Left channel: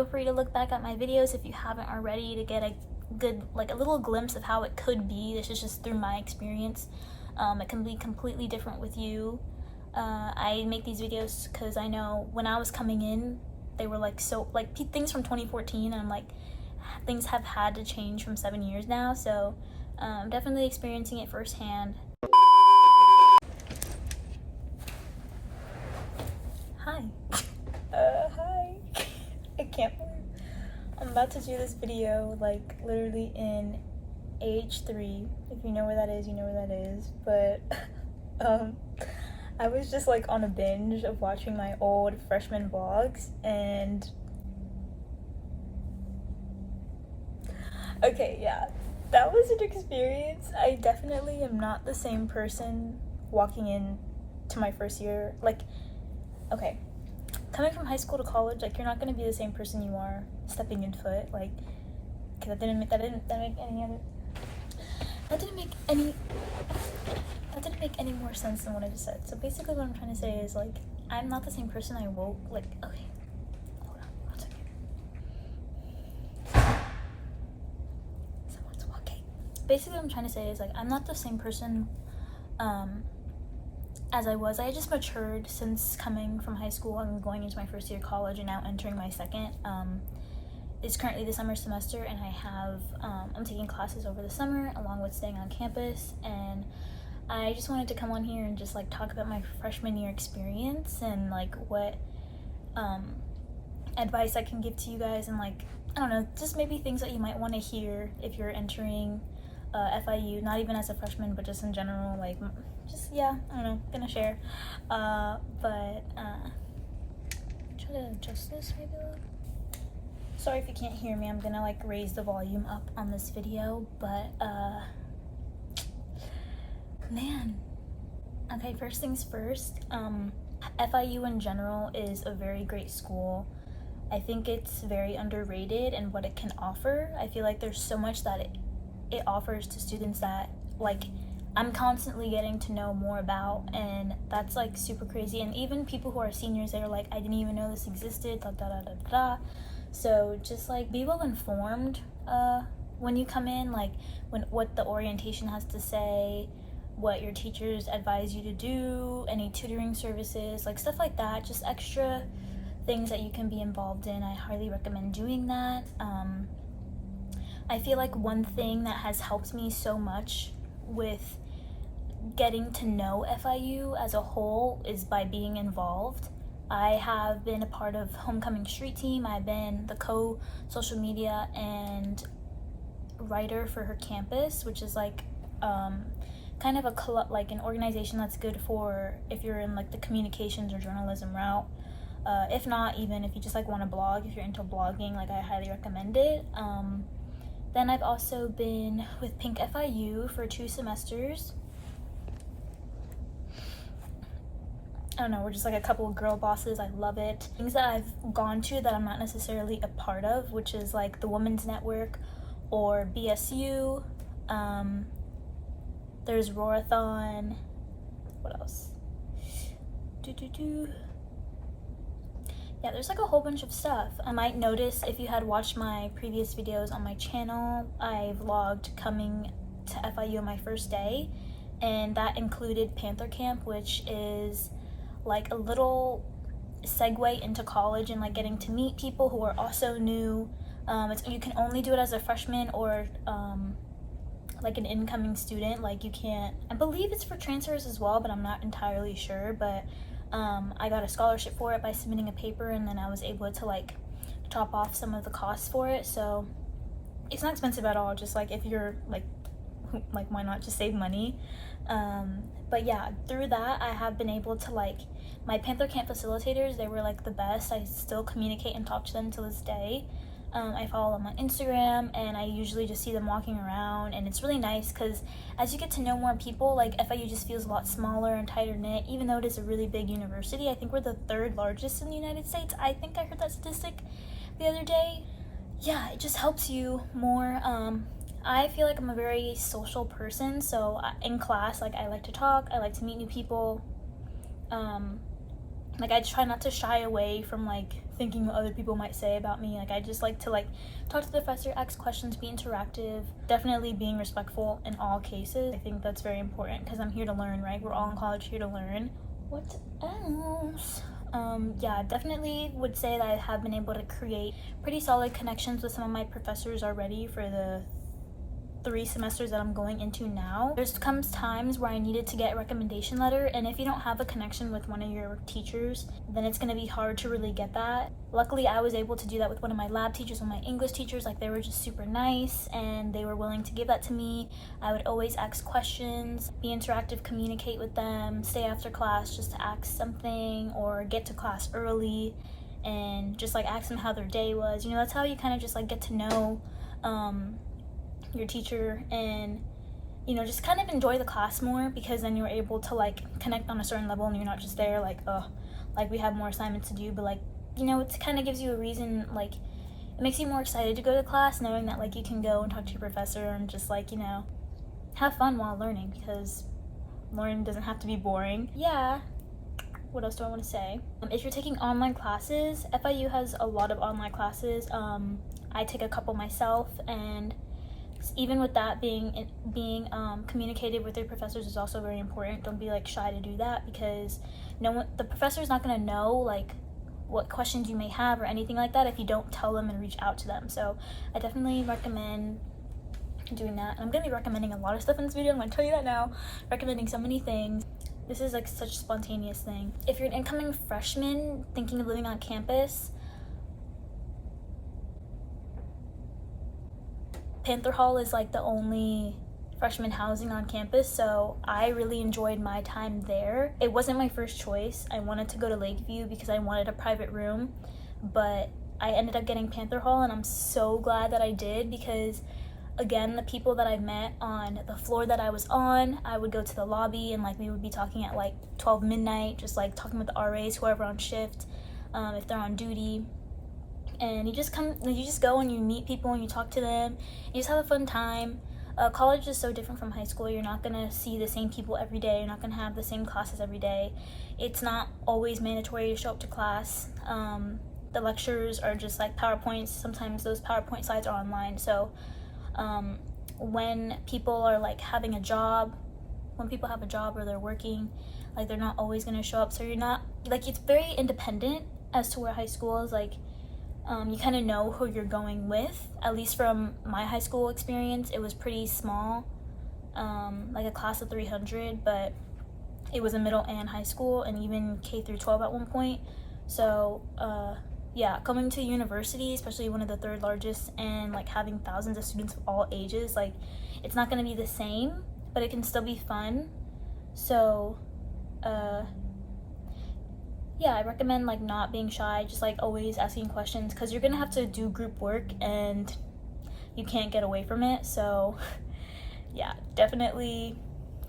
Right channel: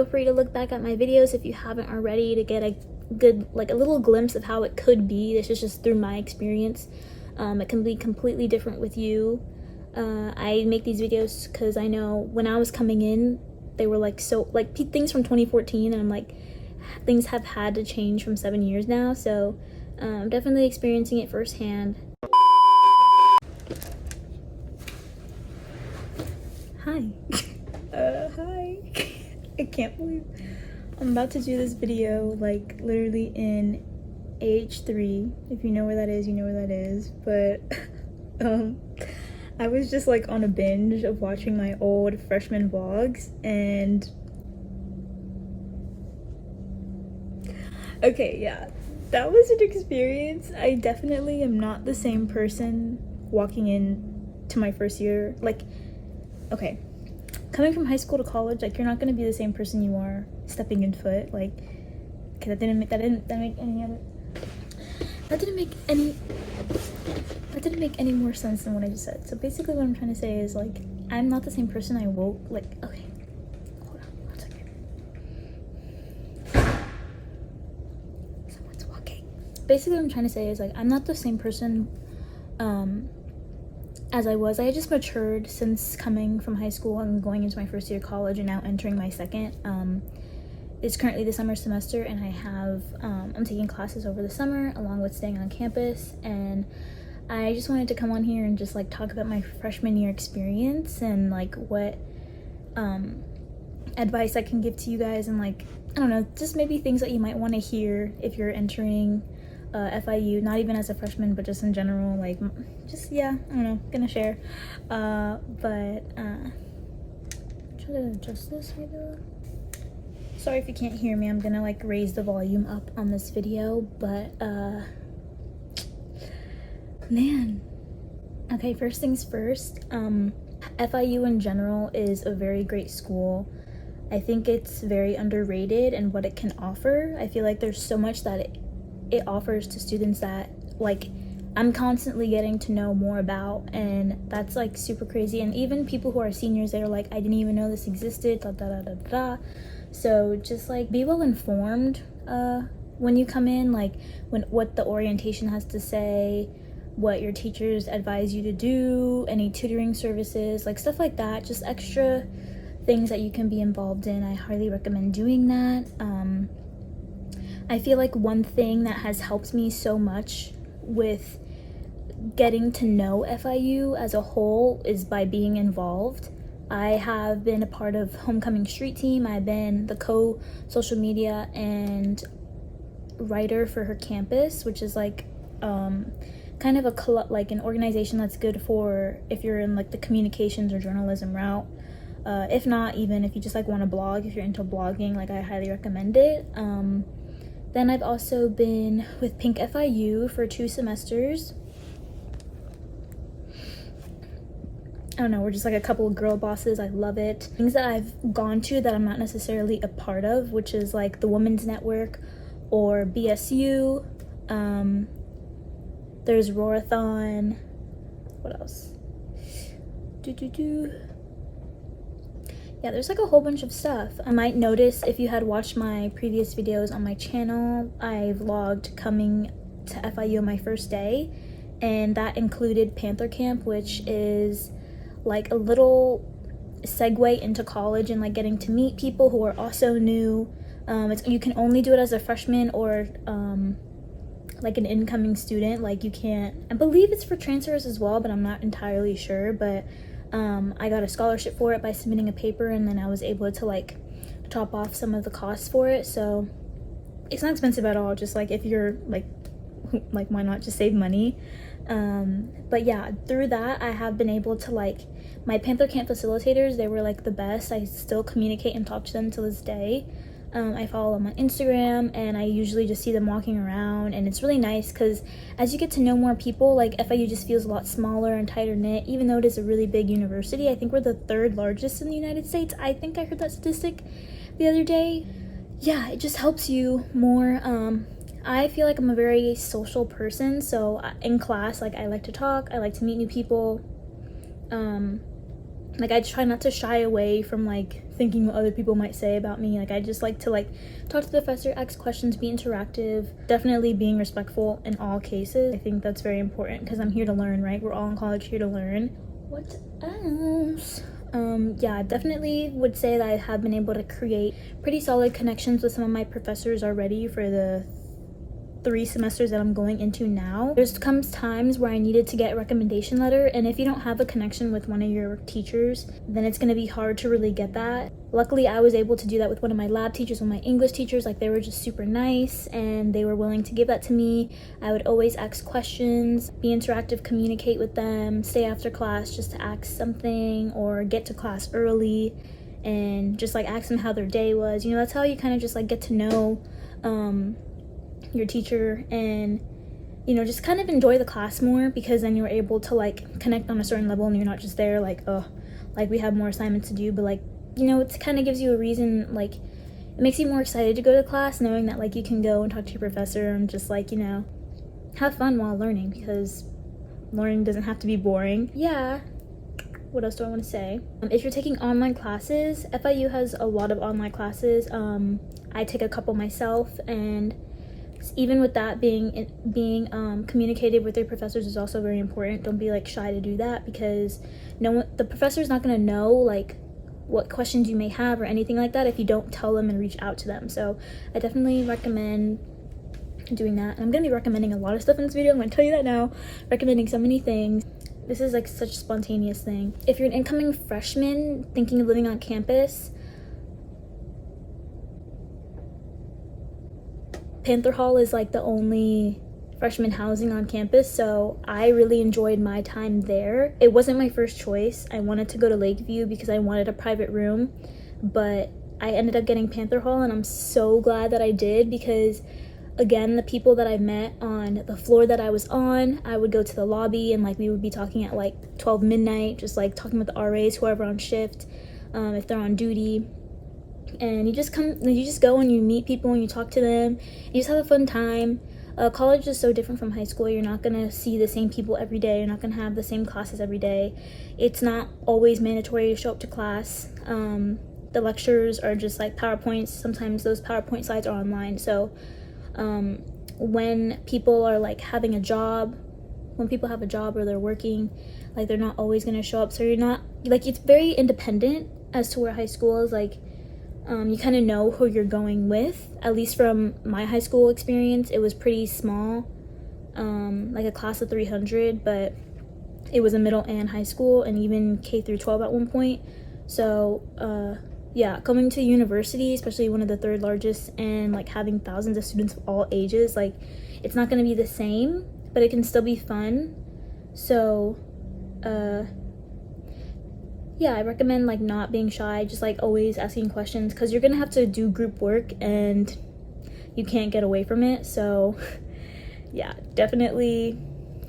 Feel free to look back at my videos if you haven't already to get a good, like a little glimpse of how it could be. This is just through my experience. It can be completely different with you. I make these videos because I know when I was coming in, they were like so like things from 2014, and I'm like, things have had to change from 7 years now, so definitely experiencing it firsthand. Hi. Hi. I can't believe I'm about to do this video like literally in AH3. If you know where that is, you know where that is. But I was just like on a binge of watching my old freshman vlogs, and okay, yeah, that was an experience. I definitely am not the same person walking in to my first year. Like, okay, coming from high school to college, like, you're not gonna be the same person you are stepping in foot. Like, okay, that didn't make any more sense than what I just said. So basically what I'm trying to say is, like, I'm not the same person I woke, like, okay, hold on, 1 second. Someone's walking. Basically what I'm trying to say is, like, I'm not the same person as I was. I just matured since coming from high school and going into my first year of college and now entering my second. It's currently the summer semester, and I have I'm taking classes over the summer along with staying on campus, and I just wanted to come on here and just like talk about my freshman year experience and like what advice I can give to you guys, and like, I don't know, just maybe things that you might want to hear if you're entering FIU, not even as a freshman, but just in general, like, just, yeah, I don't know, gonna share. But try to adjust this maybe a little. Sorry if you can't hear me, I'm gonna like raise the volume up on this video, but man, okay, first things first, FIU in general is a very great school. I think it's very underrated in what it can offer. I feel like there's so much that it offers to students that like I'm constantly getting to know more about, and that's like super crazy. And even people who are seniors, they're like, I didn't even know this existed, da da da da da. So just like be well informed when you come in, like what the orientation has to say, what your teachers advise you to do, any tutoring services, like stuff like that, just extra things that you can be involved in. I highly recommend doing that. I feel like one thing that has helped me so much with getting to know FIU as a whole is by being involved. I have been a part of Homecoming Street Team. I've been the co-social media and writer for her campus, which is like kind of a like an organization that's good for if you're in like the communications or journalism route. If not, even if you just like want to blog, if you're into blogging, like I highly recommend it. Then I've also been with Pink FIU for 2 semesters. I don't know, we're just like a couple of girl bosses. I love it. Things that I've gone to that I'm not necessarily a part of, which is like the Women's Network or BSU. There's Roarathon. What else? Yeah, there's like a whole bunch of stuff. I might notice if you had watched my previous videos on my channel, I vlogged coming to FIU on my first day, and that included Panther Camp, which is like a little segue into college and like getting to meet people who are also new. You can only do it as a freshman or like an incoming student. Like you can't, I believe it's for transfers as well, but I'm not entirely sure. But I got a scholarship for it by submitting a paper, and then I was able to like top off some of the costs for it. So it's not expensive at all, just like if you're like why not just save money. But yeah, through that I have been able to like, my Panther Camp facilitators, they were like the best. I still communicate and talk to them to this day. I follow them on Instagram, and I usually just see them walking around, and it's really nice because as you get to know more people, like FIU just feels a lot smaller and tighter knit, even though it is a really big university. I think we're the 3rd largest in the United States. I think I heard that statistic the other day. Yeah, it just helps you more. I feel like I'm a very social person, so in class, like I like to talk, I like to meet new people. Like I try not to shy away from like thinking what other people might say about me. Like, I just like to like talk to the professor, ask questions, be interactive, definitely being respectful in all cases. I think that's very important because I'm here to learn, right? We're all in college here to learn. What else? Yeah, definitely would say that I have been able to create pretty solid connections with some of my professors already for the 3 semesters that I'm going into now. There's comes times where I needed to get a recommendation letter, and if you don't have a connection with one of your teachers, then it's gonna be hard to really get that. Luckily, I was able to do that with one of my lab teachers, one of my English teachers. Like, they were just super nice and they were willing to give that to me. I would always ask questions, be interactive, communicate with them, stay after class just to ask something or get to class early and just like ask them how their day was. You know, that's how you kind of just like get to know your teacher and, you know, just kind of enjoy the class more, because then you're able to like connect on a certain level and you're not just there like, oh, like we have more assignments to do, but like, you know, it kind of gives you a reason, like it makes you more excited to go to class knowing that like you can go and talk to your professor and just like, you know, have fun while learning, because learning doesn't have to be boring. Yeah, what else do I want to say? If you're taking online classes, FIU has a lot of online classes. I take a couple myself, and even with that, being communicated with your professors is also very important. Don't be like shy to do that, because the professor's not going to know like what questions you may have or anything like that if you don't tell them and reach out to them. So I definitely recommend doing that. And I'm going to be recommending a lot of stuff in this video. I'm going to tell you that now. Recommending so many things. This is like such a spontaneous thing. If you're an incoming freshman thinking of living on campus, Panther Hall is like the only freshman housing on campus, so I really enjoyed my time there. It wasn't my first choice. I wanted to go to Lakeview because I wanted a private room, but I ended up getting Panther Hall, and I'm so glad that I did, because again, the people that I met on the floor that I was on, I would go to the lobby and like we would be talking at like 12 midnight, just like talking with the RAs, whoever on shift, if they're on duty. And you just go and you meet people and you talk to them, you just have a fun time. College is so different from high school. You're not gonna see the same people every day. You're not gonna have the same classes every day. It's not always mandatory to show up to class. The lectures are just like PowerPoints. Sometimes those PowerPoint slides are online. So when people are like having a job, when people have a job or they're working, like they're not always gonna show up. So you're not like, it's very independent as to where high school is like. You kind of know who you're going with. At least from my high school experience, it was pretty small, like a class of 300, but it was a middle and high school, and even K through 12 at one point. So yeah, coming to university, especially one of the 3rd largest, and like having thousands of students of all ages, like it's not going to be the same, but it can still be fun. So yeah, I recommend like not being shy, just like always asking questions, because you're gonna have to do group work and you can't get away from it. So yeah, definitely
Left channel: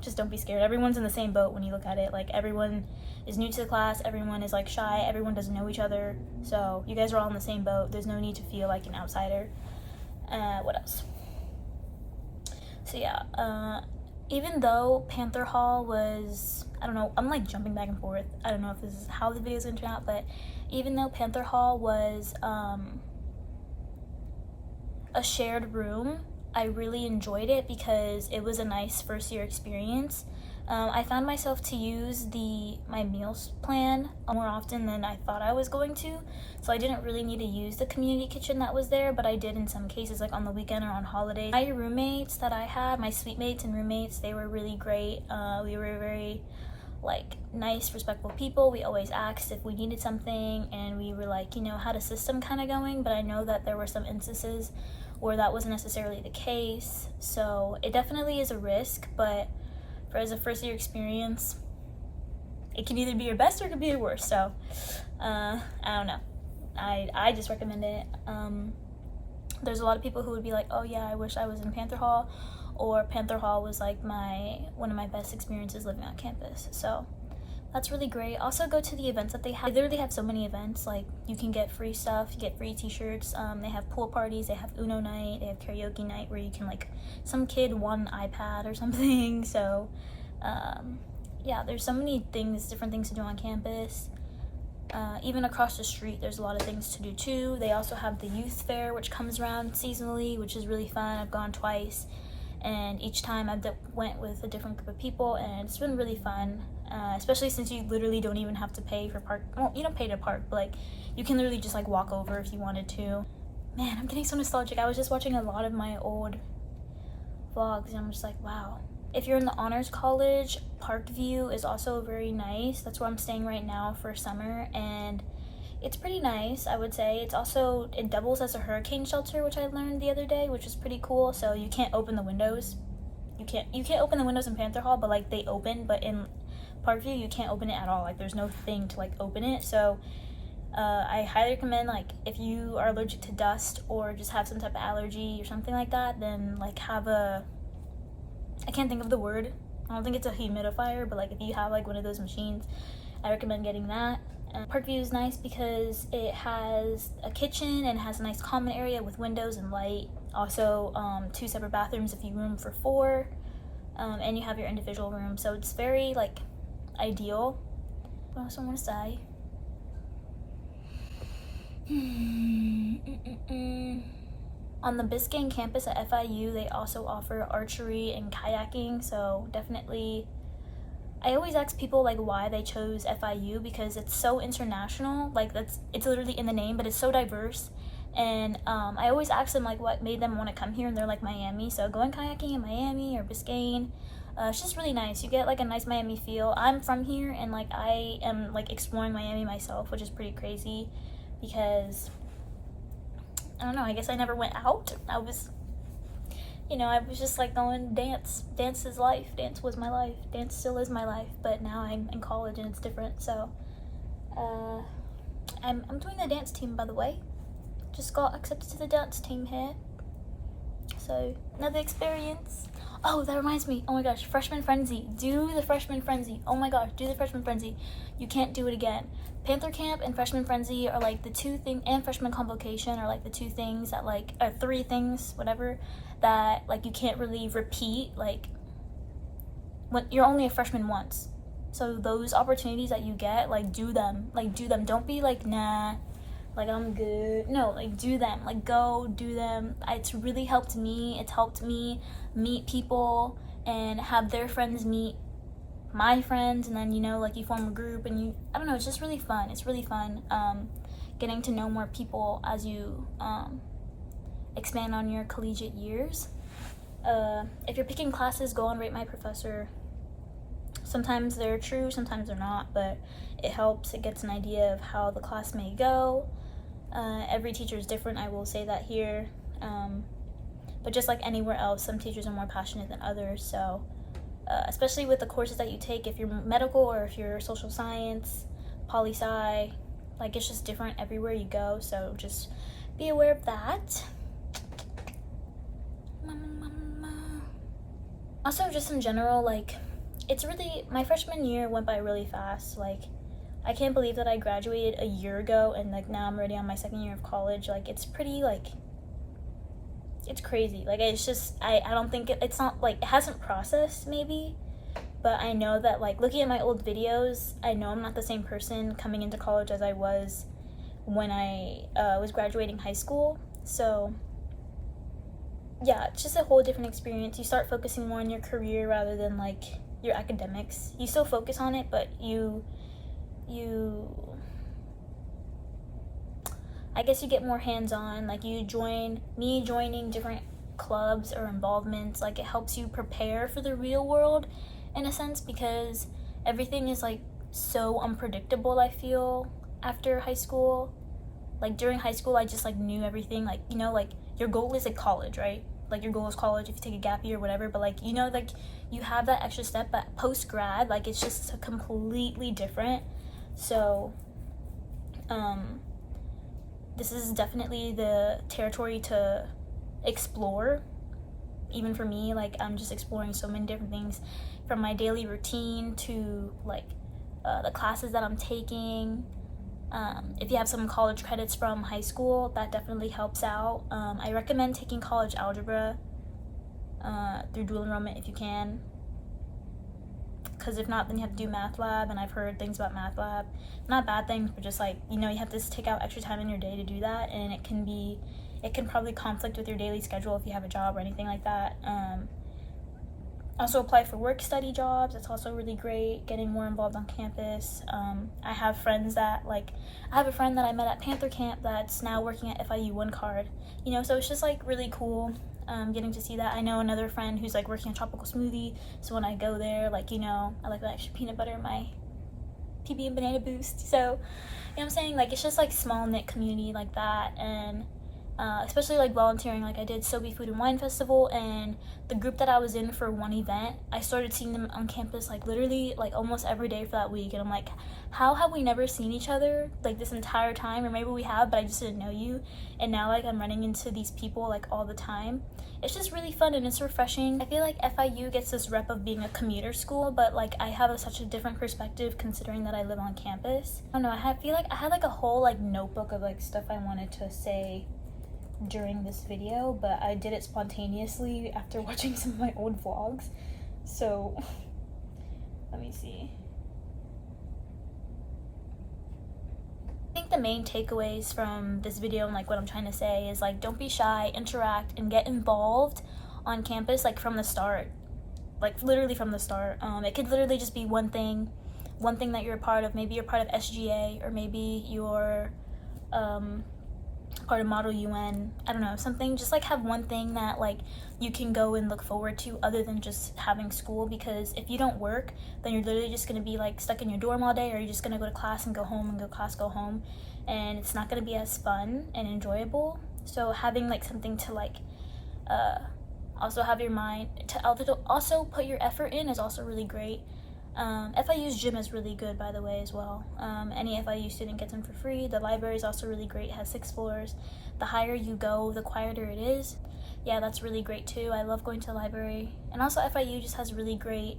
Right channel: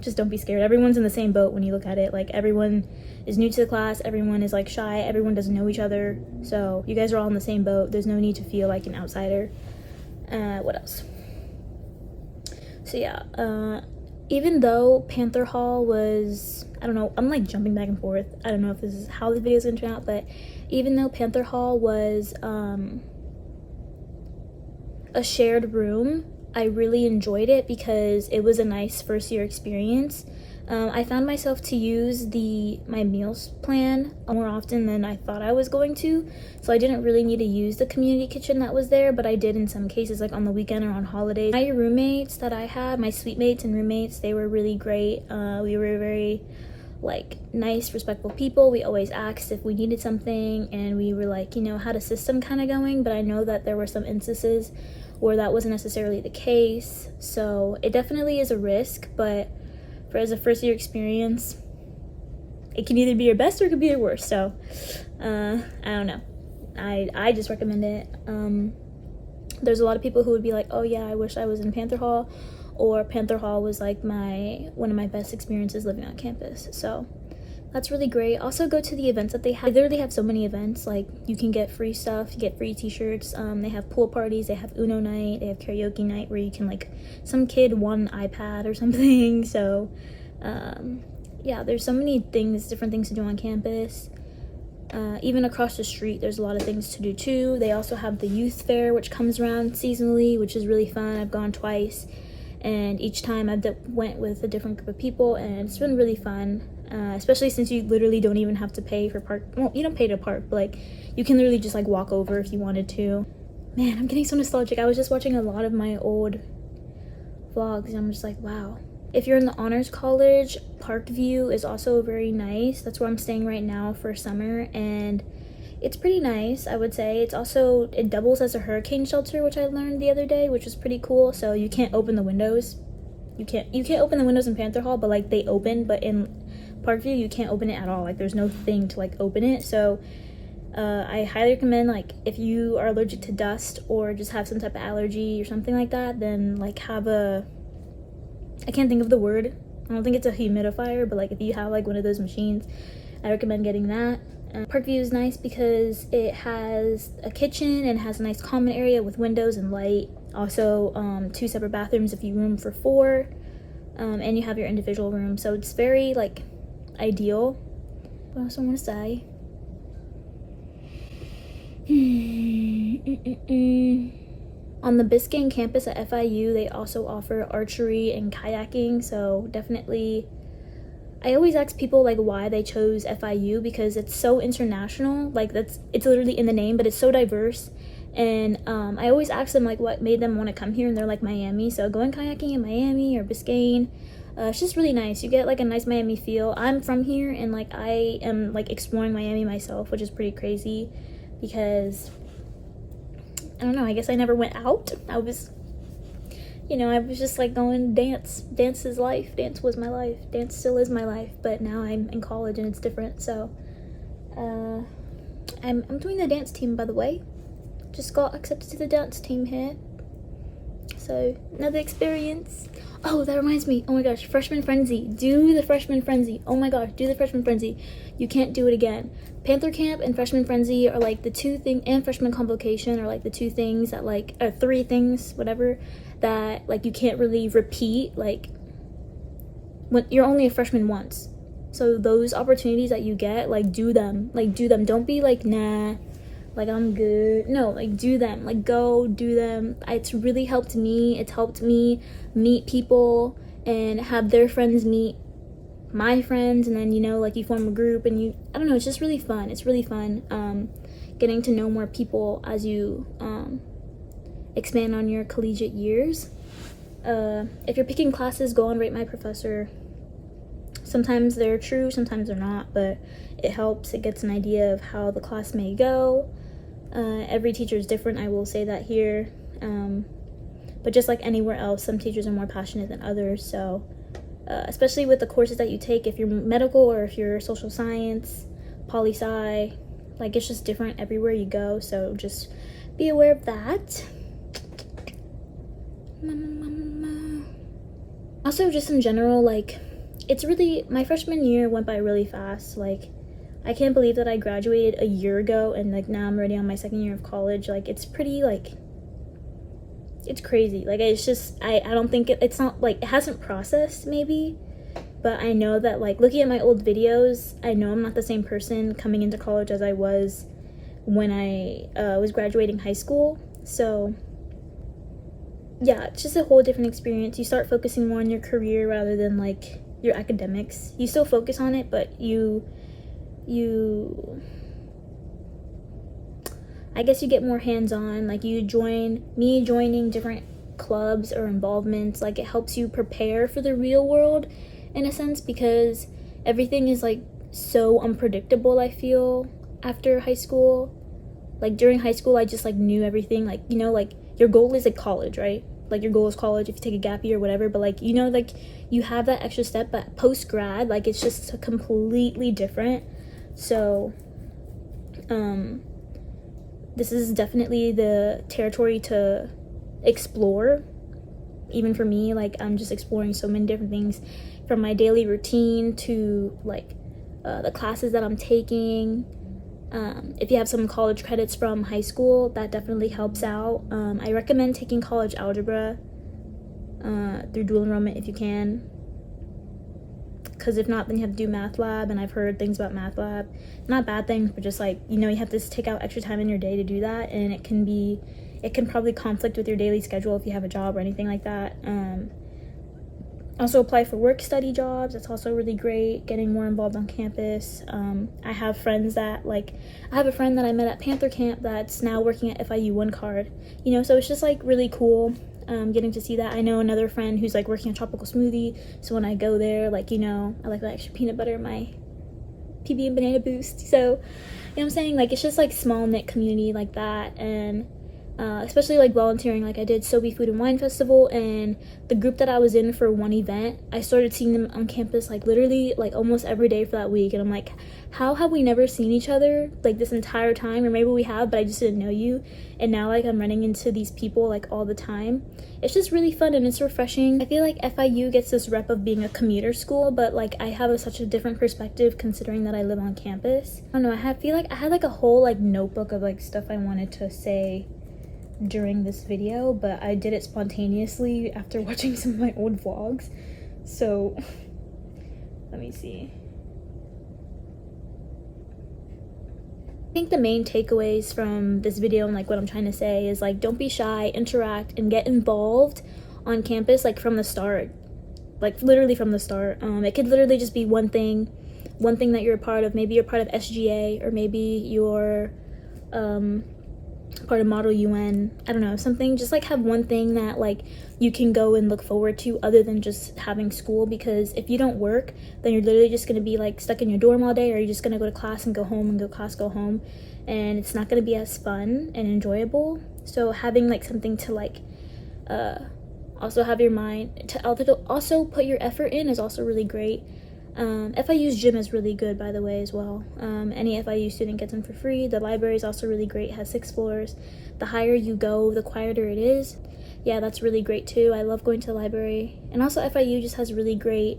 just don't be scared. Everyone's in the same boat when you look at it. Like, everyone is new to the class, everyone is like shy, everyone doesn't know each other, so you guys are all in the same boat. There's no need to feel like an outsider. What else? So yeah, even though Panther Hall was, I don't know, I'm like jumping back and forth. I don't know if this is how the video is gonna turn out, but even though Panther Hall was a shared room, I really enjoyed it because it was a nice first year experience. I found myself to use my meals plan more often than I thought I was going to, so I didn't really need to use the community kitchen that was there, but I did in some cases, like on the weekend or on holidays. My roommates that I had, my suite mates and roommates, they were really great. We were very like nice, respectful people. We always asked if we needed something, and we were like, you know, had a system kind of going, but I know that there were some instances where that wasn't necessarily the case. So it definitely is a risk, but as a first year experience, it can either be your best or it could be your worst. So I don't know, I just recommend it. There's a lot of people who would be like, oh yeah, I wish I was in Panther Hall, or Panther Hall was like one of my best experiences living on campus. So that's really great. Also, go to the events that they have. They literally have so many events. Like, you can get free stuff, you get free t-shirts. They have pool parties, they have Uno night, they have karaoke night where you can, like, some kid won an iPad or something. So yeah, there's so many things, different things to do on campus. Even across the street, there's a lot of things to do too. They also have the youth fair, which comes around seasonally, which is really fun. I've gone twice, and each time I went with a different group of people, and it's been really fun. Especially since you literally don't even have to pay for park. Well, you don't pay to park, but like you can literally just like walk over if you wanted to. Man, I'm getting so nostalgic. I was just watching a lot of my old vlogs, and I'm just like, wow. If you're in the honors college, Parkview is also very nice. That's where I'm staying right now for summer, and it's pretty nice, I would say. It doubles as a hurricane shelter, which I learned the other day, which is pretty cool. So you can't open the windows. You can't open the windows in Panther Hall, but like they open, but in Parkview you can't open it at all. Like there's no thing to like open it. So I highly recommend, like, if you are allergic to dust or just have some type of allergy or something like that, then like have a, I can't think of the word, I don't think it's a humidifier, but like if you have like one of those machines, I recommend getting that. Parkview is nice because it has a kitchen and has a nice common area with windows and light. Also 2 separate bathrooms if you room for 4, and you have your individual room, so it's very like ideal. What else I want to say? On the Biscayne campus at FIU, they also offer archery and kayaking, so definitely, I always ask people like why they chose FIU, because it's so international. Like it's literally in the name, but it's so diverse. And I always ask them like what made them want to come here, and they're like Miami. So going kayaking in Miami or Biscayne, it's just really nice. You get like a nice Miami feel. I'm from here, and like I am like exploring Miami myself, which is pretty crazy because I don't know, I guess I never went out. I was just like going dance. Dance is life. Dance was my life. Dance still is my life, but now I'm in college and it's different. So I'm doing the dance team, by the way. Just got accepted to the dance team here, so another experience. Oh, that reminds me, oh my gosh, freshman frenzy. Do the freshman frenzy. Oh my gosh, do the freshman frenzy. You can't do it again. Panther Camp and freshman frenzy are like the 2 things, and freshman convocation are like the 2 things that like, or 3 things, whatever, that like you can't really repeat. Like when you're only a freshman once, so those opportunities that you get, like do them. Don't be like, nah, like I'm good. No, like do them. Like go do them. It's really helped me. It's helped me meet people and have their friends meet my friends, and then like you form a group, and I don't know, it's just really fun. It's really fun getting to know more people as you expand on your collegiate years. If you're picking classes, go on Rate My Professor. Sometimes they're true, sometimes they're not, but it helps. It gets an idea of how the class may go. Every teacher is different, I will say that here. But just like anywhere else, some teachers are more passionate than others. So especially with the courses that you take, if you're medical or if you're social science, poli-sci, like it's just different everywhere you go. So just be aware of that. Also, just in general, like it's really, my freshman year went by really fast. Like I can't believe that I graduated a year ago, and like now I'm already on my 2nd year of college. Like it's pretty, like it's crazy. Like it's just, I don't think it's not like, it hasn't processed maybe, but I know that like looking at my old videos, I know I'm not the same person coming into college as I was when I was graduating high school. So yeah, it's just a whole different experience. You start focusing more on your career rather than like your academics. You still focus on it, but you I guess you get more hands-on. Like joining different clubs or involvements, like it helps you prepare for the real world in a sense, because everything is like so unpredictable, I feel, after high school. Like during high school, I just like knew everything. Like like your goal is like college, right? Like your goal is college if you take a gap year or whatever, but like like you have that extra step. But post-grad, like it's just completely different. So this is definitely the territory to explore. Even for me, like I'm just exploring so many different things, from my daily routine to like the classes that I'm taking. If you have some college credits from high school, that definitely helps out. I recommend taking college algebra through dual enrollment if you can. because if not, then you have to do math lab, and I've heard things about math lab, not bad things, but just like, you know, you have to take out extra time in your day to do that, and it can probably conflict with your daily schedule if you have a job or anything like that. Also apply for work study jobs. That's also really great, getting more involved on campus. I have friends that, like, I have a friend that I met at Panther Camp that's now working at FIU one card, you know, so it's just like really cool getting to see that. I know another friend who's like working a tropical smoothie, so when I go there, like, you know, I like that extra peanut butter in my PB and banana boost. So, you know what I'm saying, like, it's just like small knit community like that. And especially like volunteering, like I did Sobe Food and Wine Festival, and the group that I was in for one event, I started seeing them on campus like literally like almost every day for that week, and I'm like, how have we never seen each other like this entire time? Or maybe we have, but I just didn't know you, and now like I'm running into these people like all the time. It's just really fun and it's refreshing. I feel like FIU gets this rep of being a commuter school, but like I have such a different perspective considering that I live on campus. I don't know, I feel like I had like a whole like notebook of like stuff I wanted to say during this video, but I did it spontaneously after watching some of my old vlogs. So let me see. I think the main takeaways from this video and like what I'm trying to say is like, don't be shy, interact, and get involved on campus like from the start, like literally from the start. It could literally just be one thing that you're a part of. Maybe you're part of SGA, or maybe you're part of Model UN, I don't know, something. Just like have one thing that like you can go and look forward to other than just having school, because if you don't work, then you're literally just gonna be like stuck in your dorm all day, or you're just gonna go to class and go home, and go class, go home, and it's not gonna be as fun and enjoyable. So having like something to like also have your mind to also put your effort in is also really great. FIU's gym is really good, by the way, as well. Any FIU student gets them for free. The library is also really great, it has 6 floors. The higher you go, the quieter it is. Yeah, that's really great too. I love going to the library. And also FIU just has really great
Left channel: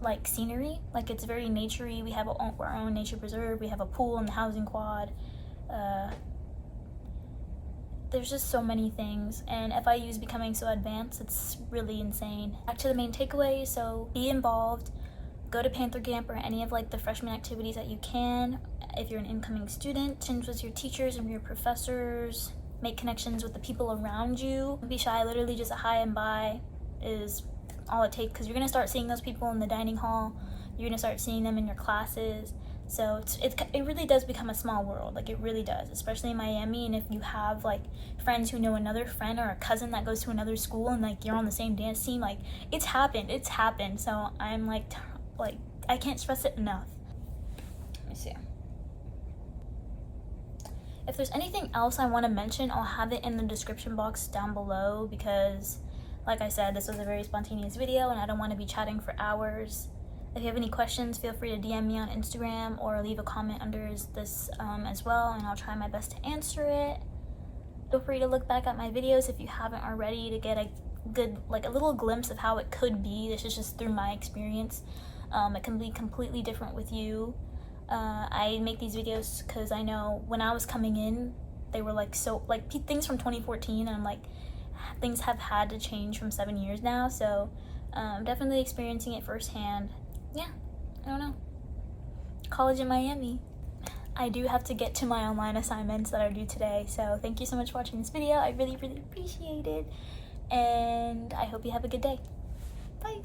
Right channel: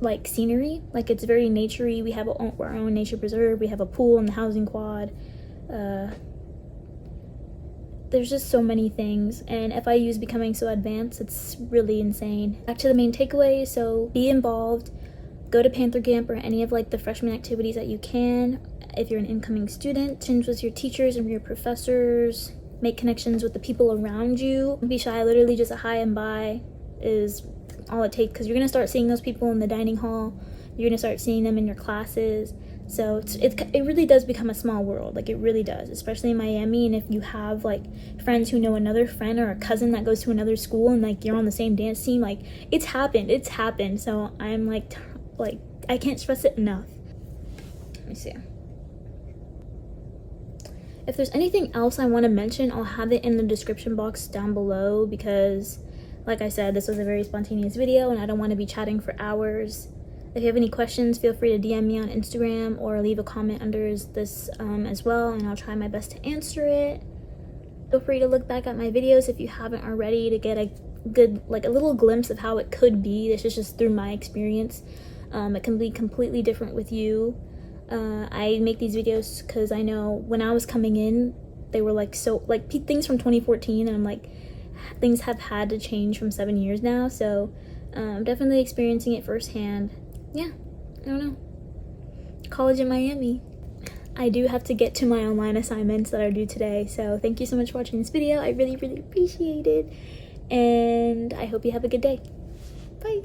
like scenery. Like it's very naturey. We have our own nature preserve. We have a pool and the housing quad. There's just so many things, and FIU is becoming so advanced, it's really insane. Back to the main takeaway, so be involved, go to Panther Camp or any of like the freshman activities that you can. If you're an incoming student, connect with your teachers and your professors, make connections with the people around you. Don't be shy, literally just a hi and bye is all it takes, because you're gonna start seeing those people in the dining hall, you're gonna start seeing them in your classes. So it really does become a small world, like it really does, especially in Miami. And if you have like friends who know another friend or a cousin that goes to another school, and like you're on the same dance team, like it's happened. So I'm like I can't stress it enough. Let me see. If there's anything else I want to mention, I'll have it in the description box down below, because like I said, this was a very spontaneous video and I don't want to be chatting for hours. If you have any questions, feel free to DM me on Instagram or leave a comment under this as well, and I'll try my best to answer it. Feel free to look back at my videos if you haven't already, to get a good, like a little glimpse of how it could be. This is just through my experience. It can be completely different with you. I make these videos because I know when I was coming in, they were like so like things from 2014, and I'm like, things have had to change from 7 years now. So I'm definitely experiencing it firsthand. Yeah, I don't know. College in Miami. I do have to get to my online assignments that are due today, so thank you so much for watching this video. I really, really appreciate it, and I hope you have a good day. Bye.